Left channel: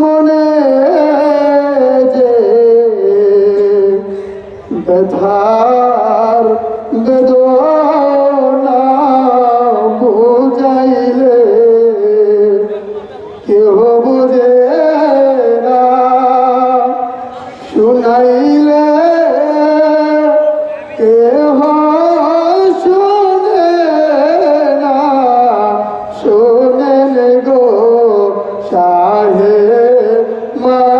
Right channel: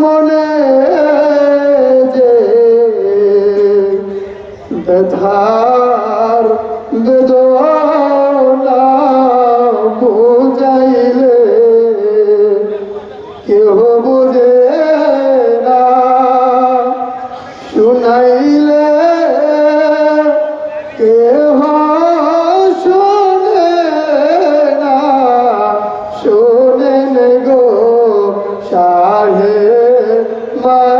মনে যে ব্যথার বেদনা মা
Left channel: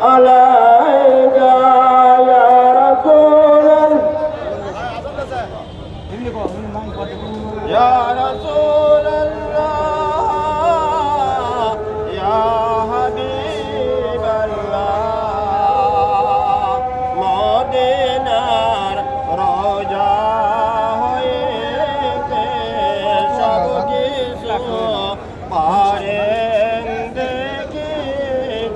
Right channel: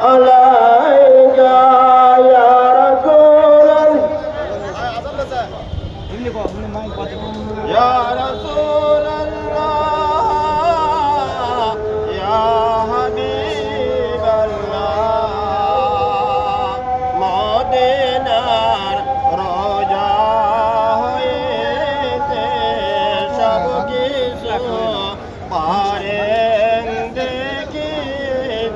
Allah.